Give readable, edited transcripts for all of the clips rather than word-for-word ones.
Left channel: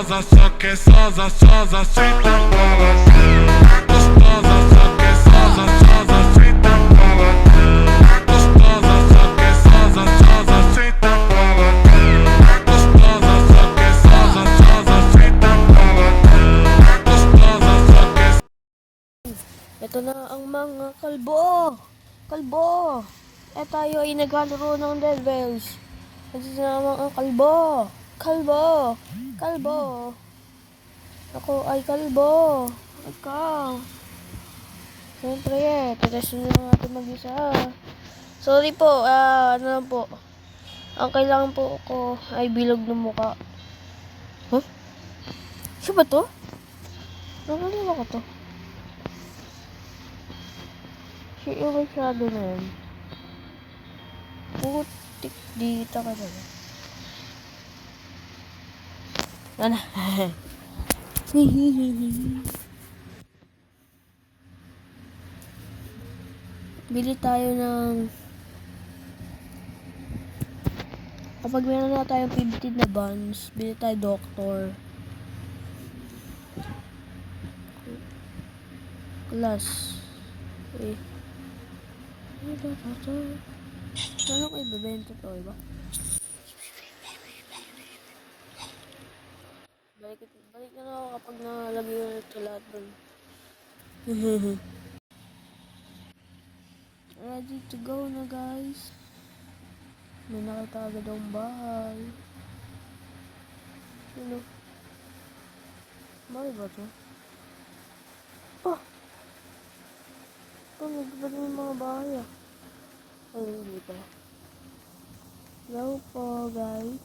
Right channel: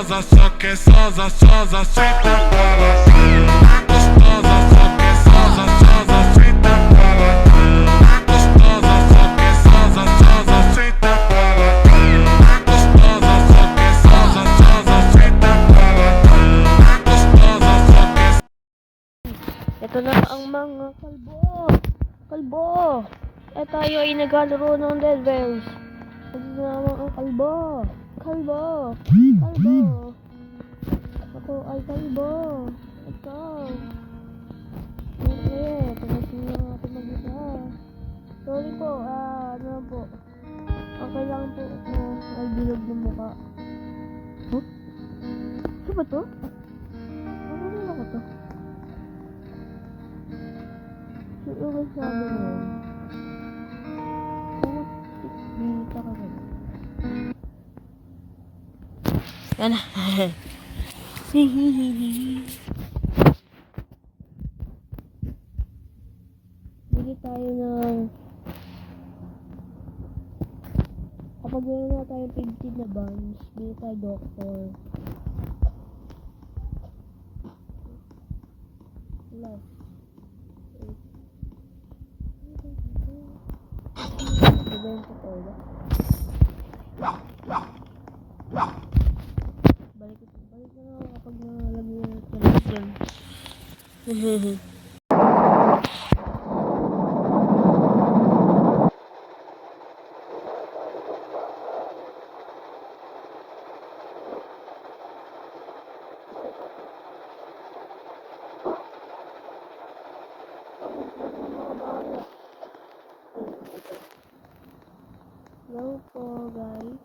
gostosa, só que sosa, sosa, senta bola. Gostosa, só que sosa, sosa, senta bola. Gostosa, só que sosa, sosa, senta bola. Gostosa, só que sosa, sosa, senta bola. Gostosa, só que. Ito na ang mga kalbo. Kalbo. Tayo ay naglalaro ng Dead Bells. Ito na ang mga kalbo. Kalbo. Kalbo. Ako ay kalbo. Ikaw. Siyempre tatas na natin mag-isa. Sorry po, ano lang po. Ang kailangan po ko ay bilog ng muka. Huh? Siya ba to? Nakalala ko to. Siya yung masyado na yun. Putik dito ka na. Yan na. Bili tayo ng... Kapag meron na tayong 15 na buns, bili tayo doctor. Class. Eh. Ano bibenta to ba? Balik na ako kapag nalagay ko na television. Hello po guys.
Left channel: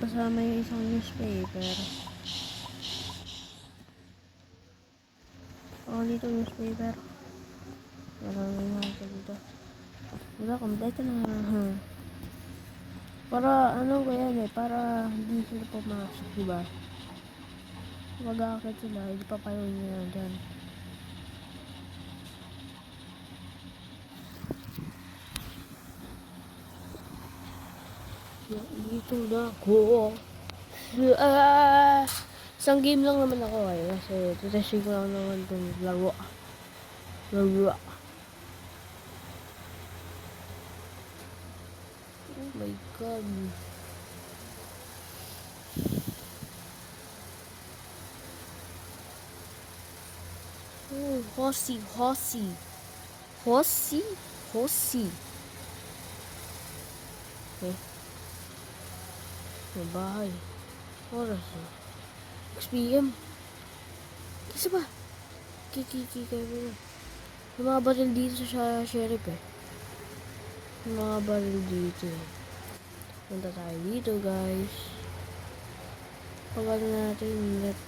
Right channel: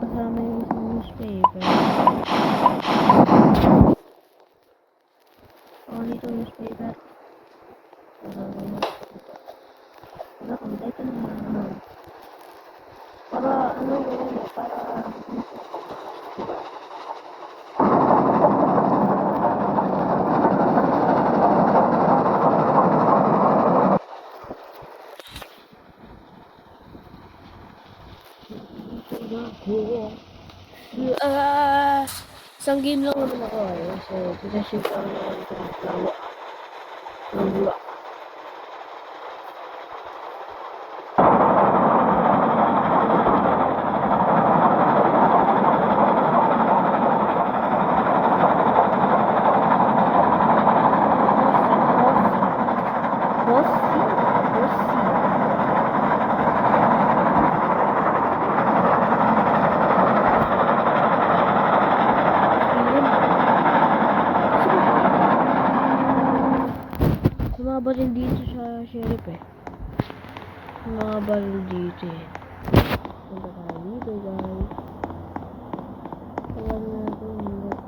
Kasama yung isang newspaper. Dito newspaper. Nagagawin natin dito. Wala, kompleto na lang. Para, ano ba yan eh? Para, hindi ko masok, diba? Dito na ako. Isang game lang naman ako eh. Kasi pinasig ko naman itong lawa. Lawa. Hosi. Mga baril dito sa sheriff eh. Mga baril dito eh. Punta tayo dito guys. Pagano natin net.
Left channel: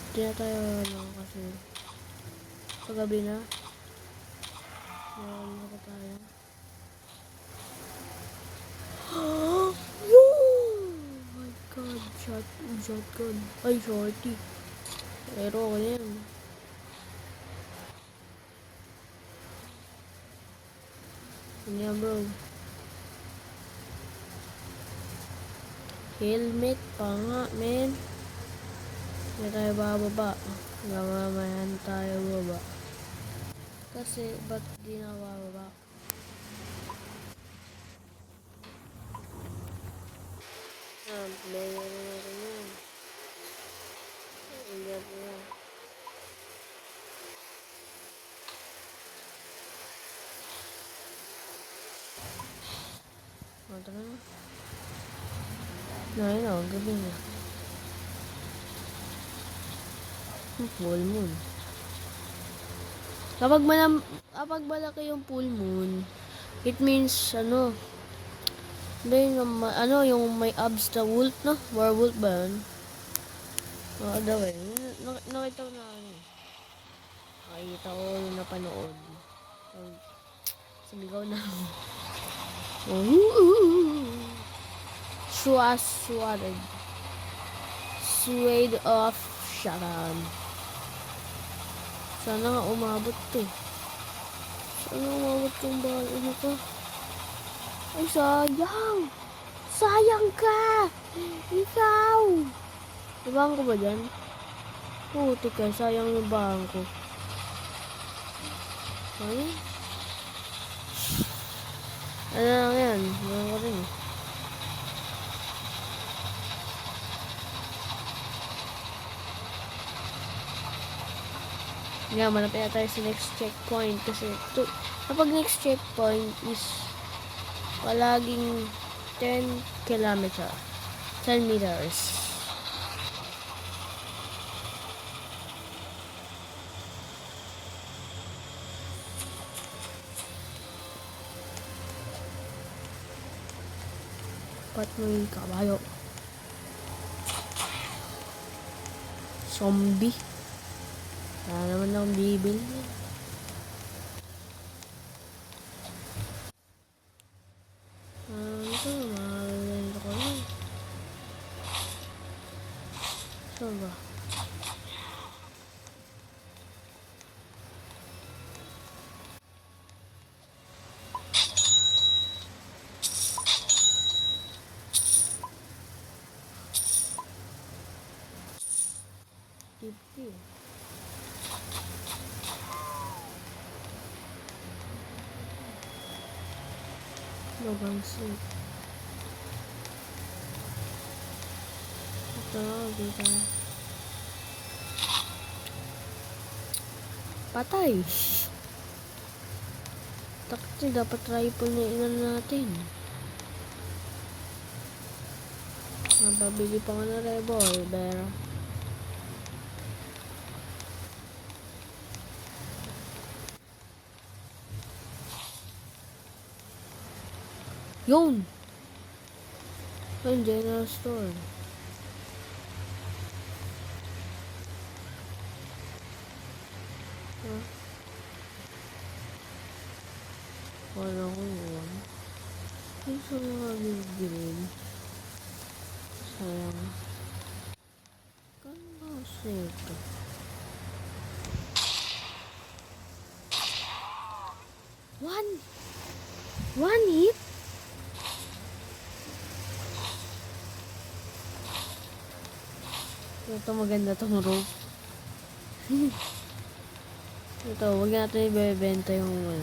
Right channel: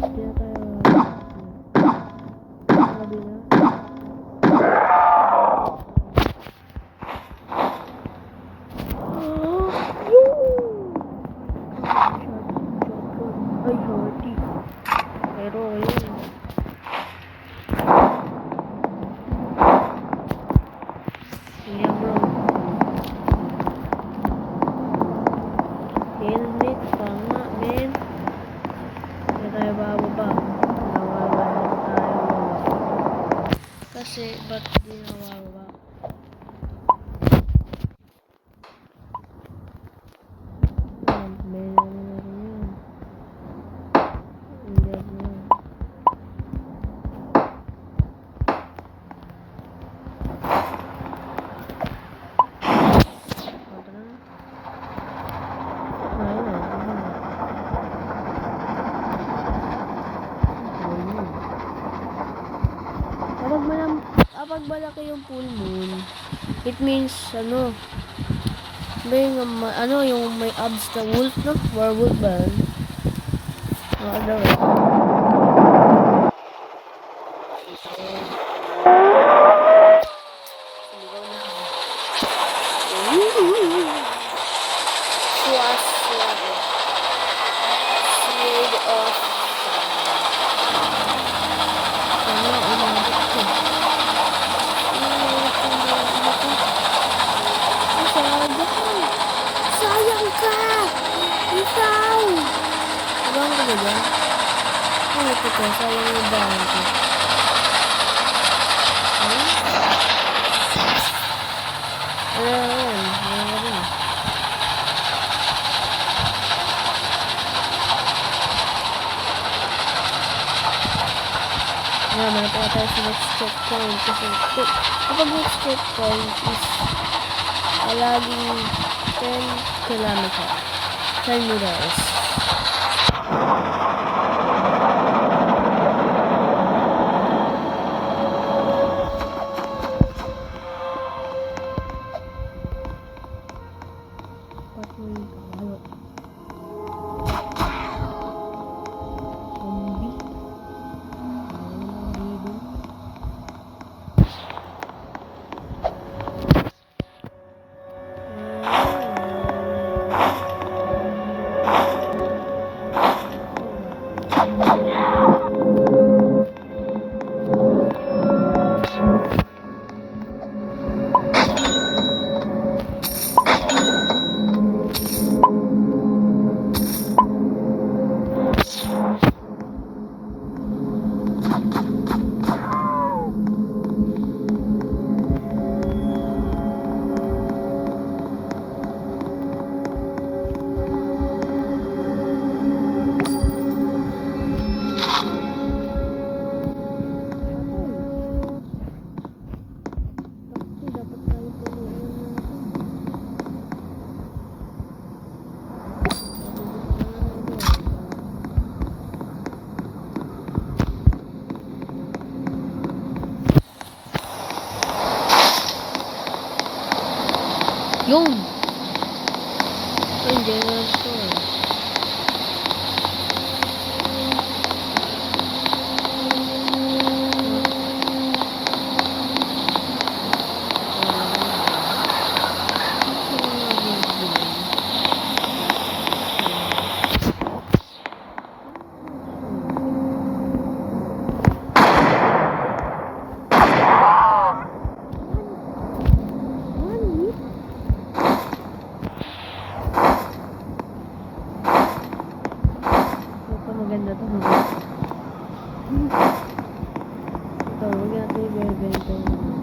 Hindi na tayo gabi na. Shotgun. Ay, shorty. Pero yun. Yeah, bro. Helmet pa nga, men. Hindi tayo bababa. Nawawalan tayo. Kasi ba't di nawawala? Yan, meron na rin yan. Ayan yan. Ito na. Ayun na, diba na? Full moon. Kapag malaki yung full moon, it means, ano, yung may abs na wolf, no? Werewolf ba yun? Daw eh. Nakita ko yung sumigaw na ako. Suwaswari. Shade of Shine. Sana umabot ko. Umabot kong dawin ako. Ay, sayang! Sayang ka! Ikaw! Ibang ko ba dyan? Ay, ito ka. Sayang yung bahan ko. Ay? Ano yan? Ano nga rin eh. Ngayon, manap na tayo sa next checkpoint. Kasi kapag next checkpoint is palaging 10 kilometers. 10 meters. Ba't mo yung kabayo? Zombie? Wala naman akong bibili. Patay. Takti, dapat try po natin. Mababili pa ka na revolver. Yun! Ito yung general store. One hit? Ito maganda to mga. Ito, huwag natin ibebenta yung mga.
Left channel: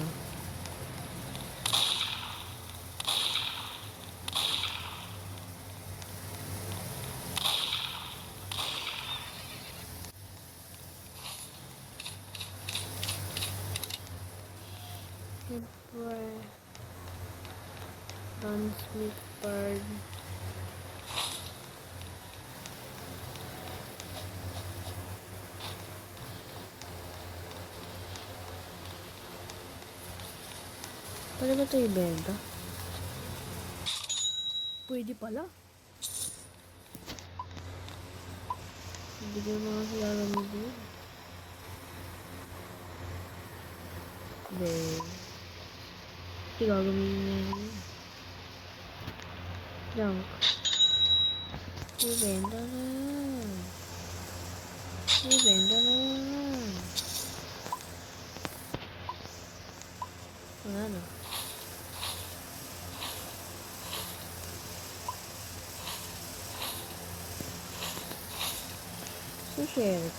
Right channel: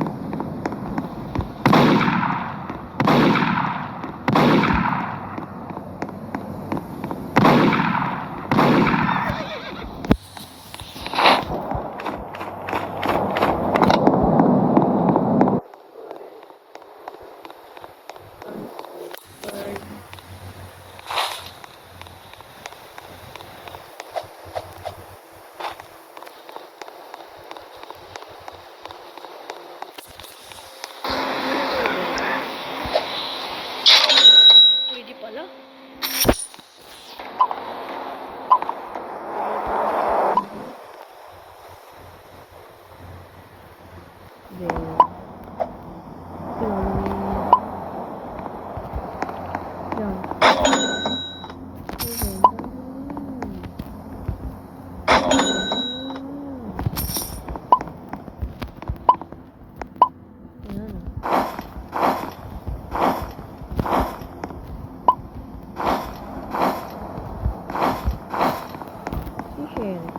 Pwede pala. Tingnan mo yun. Yan. Benta na. Wala na. Share.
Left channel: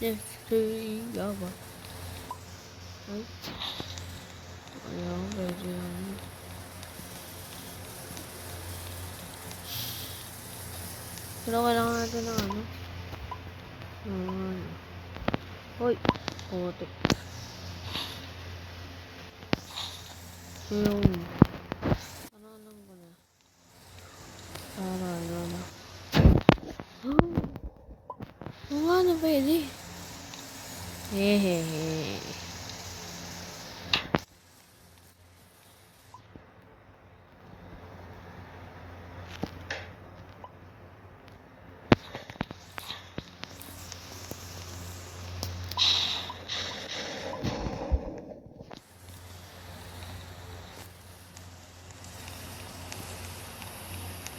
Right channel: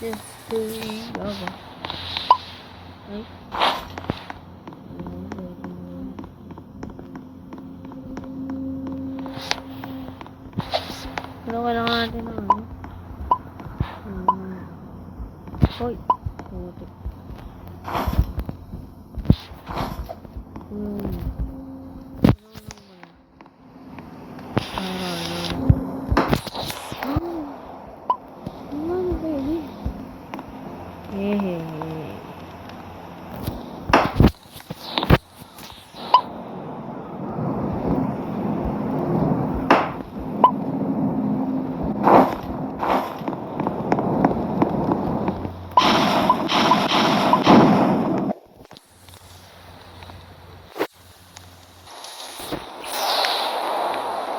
Hey, yawa. Ay. Ayaw, pwede yan. Pero kailangan natin ng ano. Hoy. Putik. Yun. Ano lang ba yan? Para lang. Ano nga na pwede? Hehehe.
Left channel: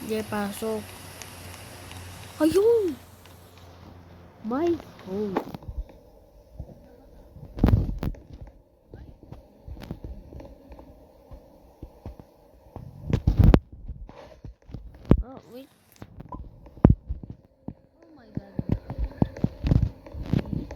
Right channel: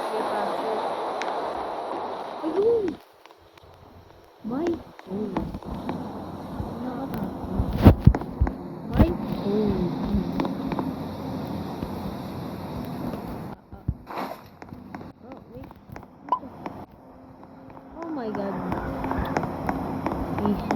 Sige, pasok. Ayun! My home. My home. Oh, wait. Oh my god. Easy.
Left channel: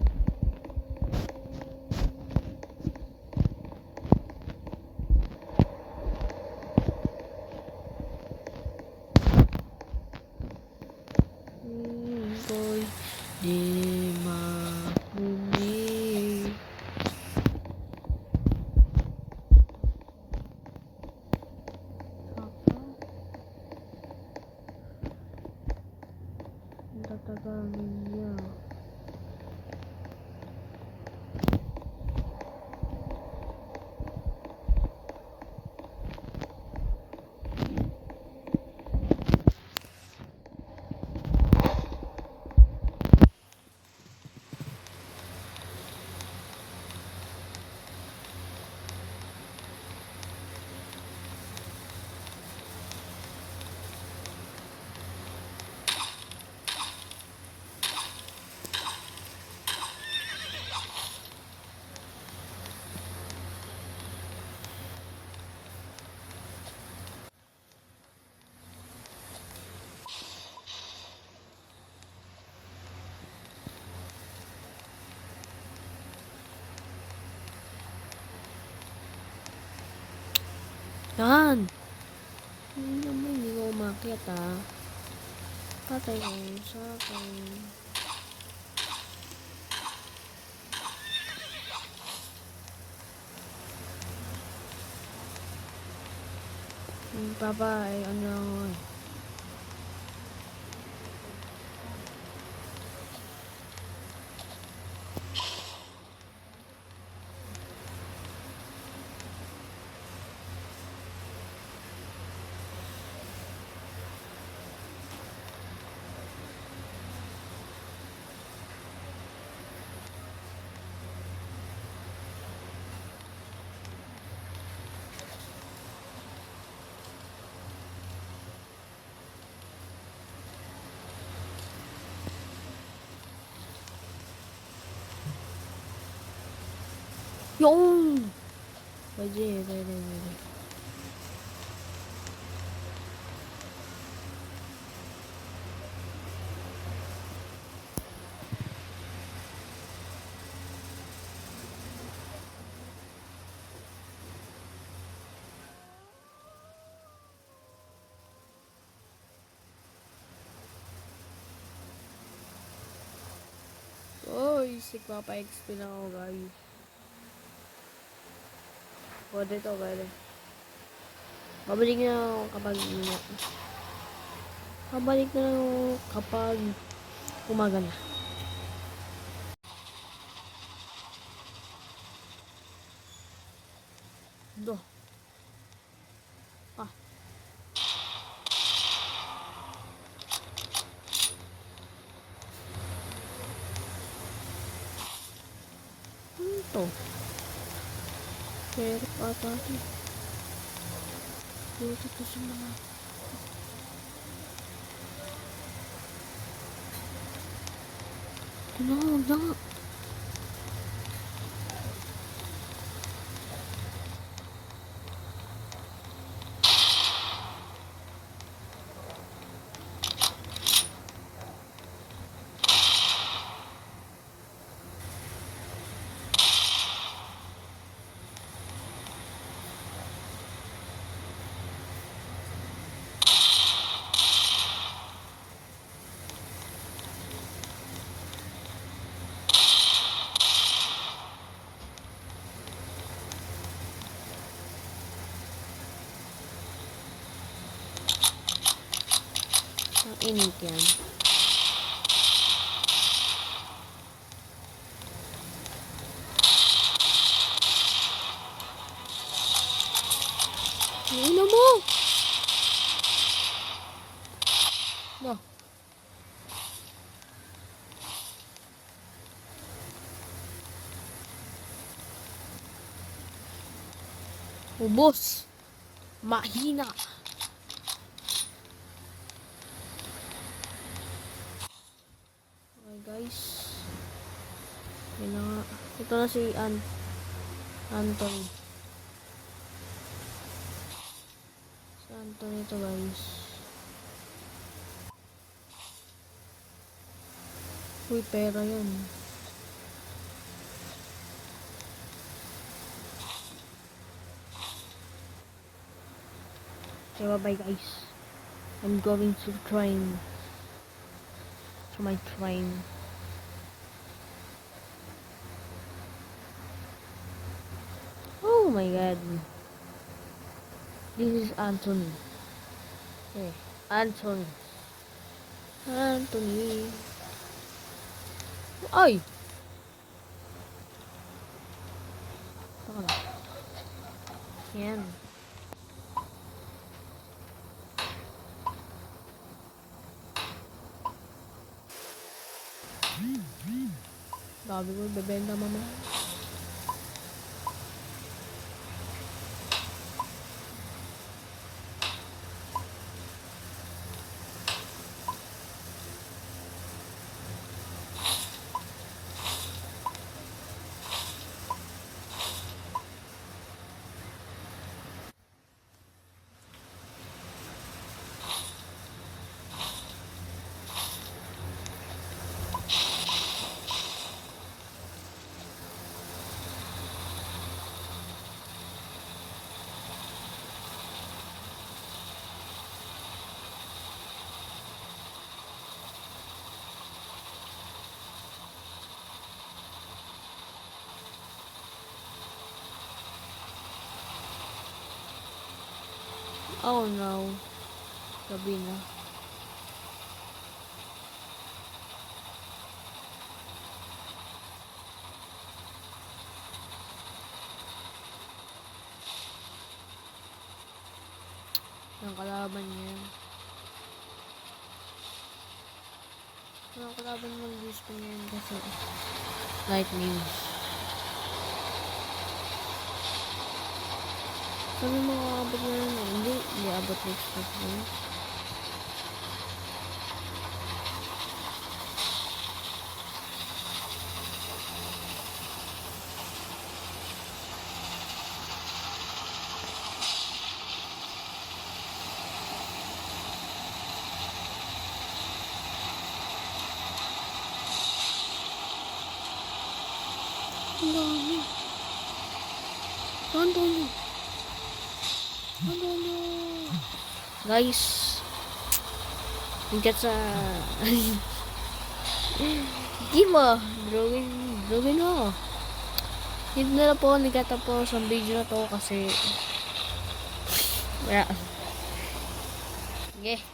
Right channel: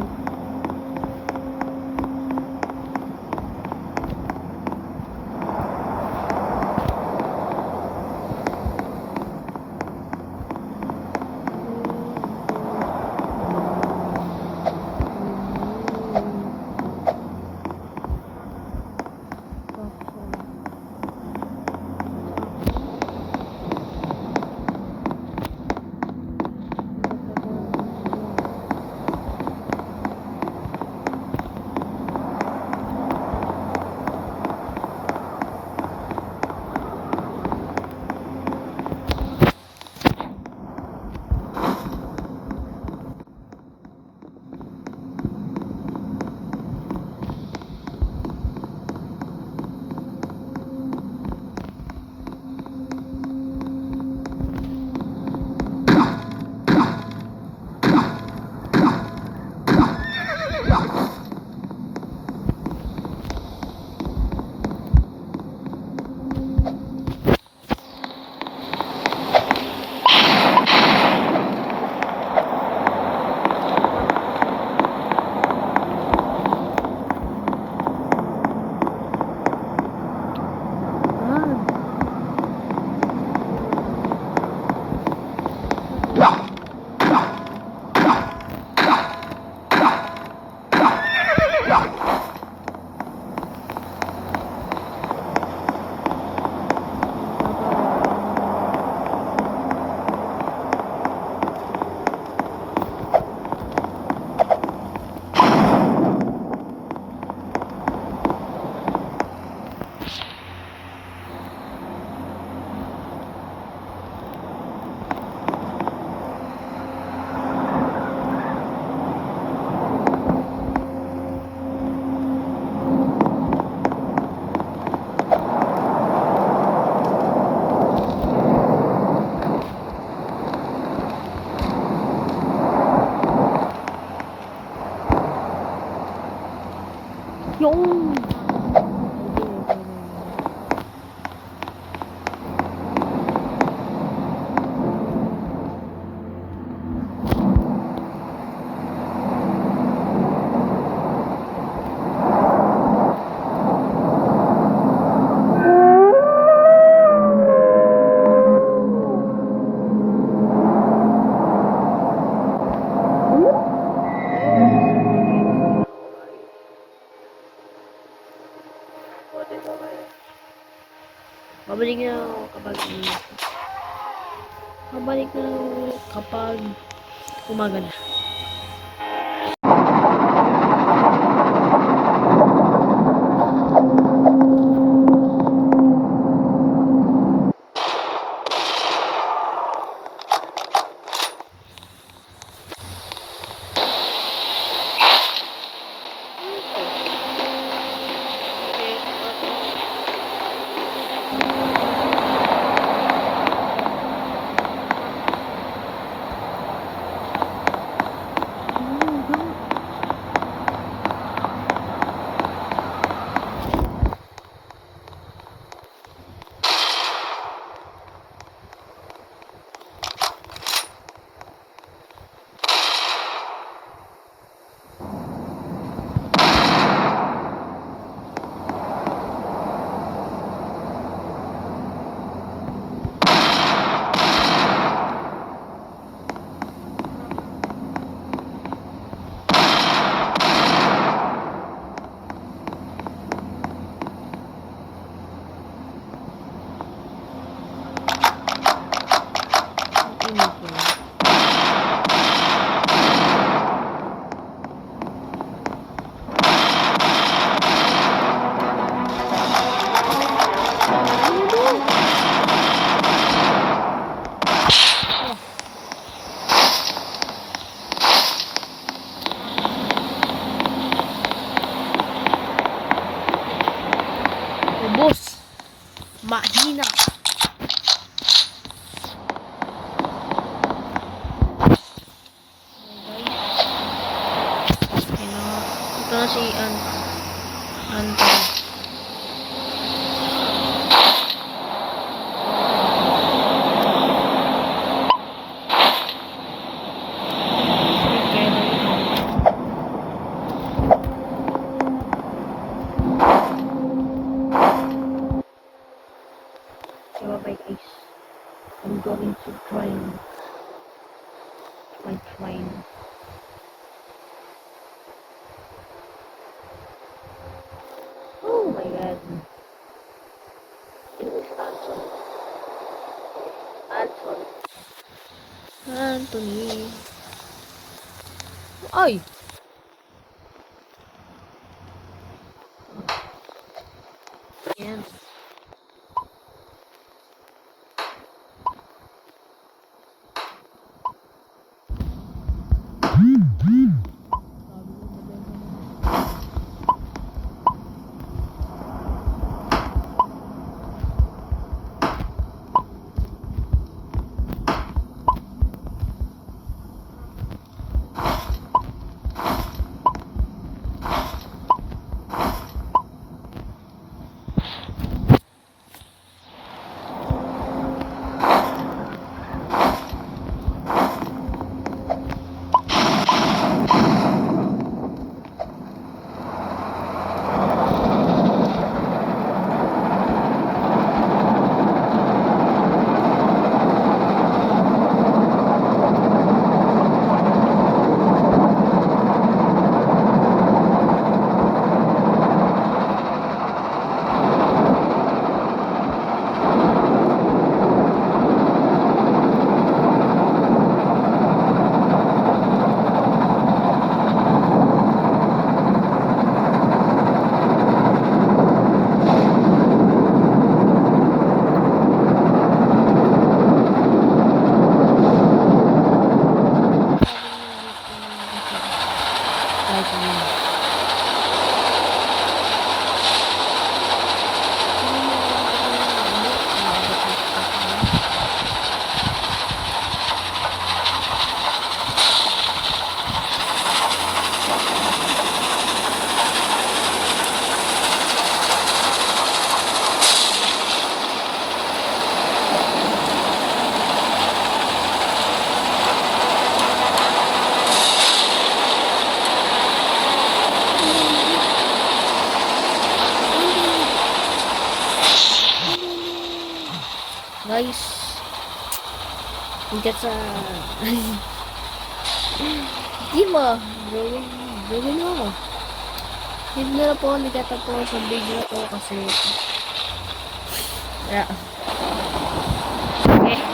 Yan. Yung. Babalik na ako kapag babalik na ako kapag umaga na. init yan. Ano mo? Oh. Ubos. Mahina. Okay guys. Ayun na nga. Ito na si Anton. Okay, yun. So, bye guys. I'm going to train. To my train. Oh my god. This is Anthony. Oh, Anthony. Anthony. Ay! Yan. Sabi mo, bebenta mama. Kahit yun. Sino mo abot na yun? Hindi. Maabot na stuff na yun. Guys, hinggat sa di ba? Drawing ako. Hindi na lang po ako nagtatapos sa video na to kasi wala. Okay.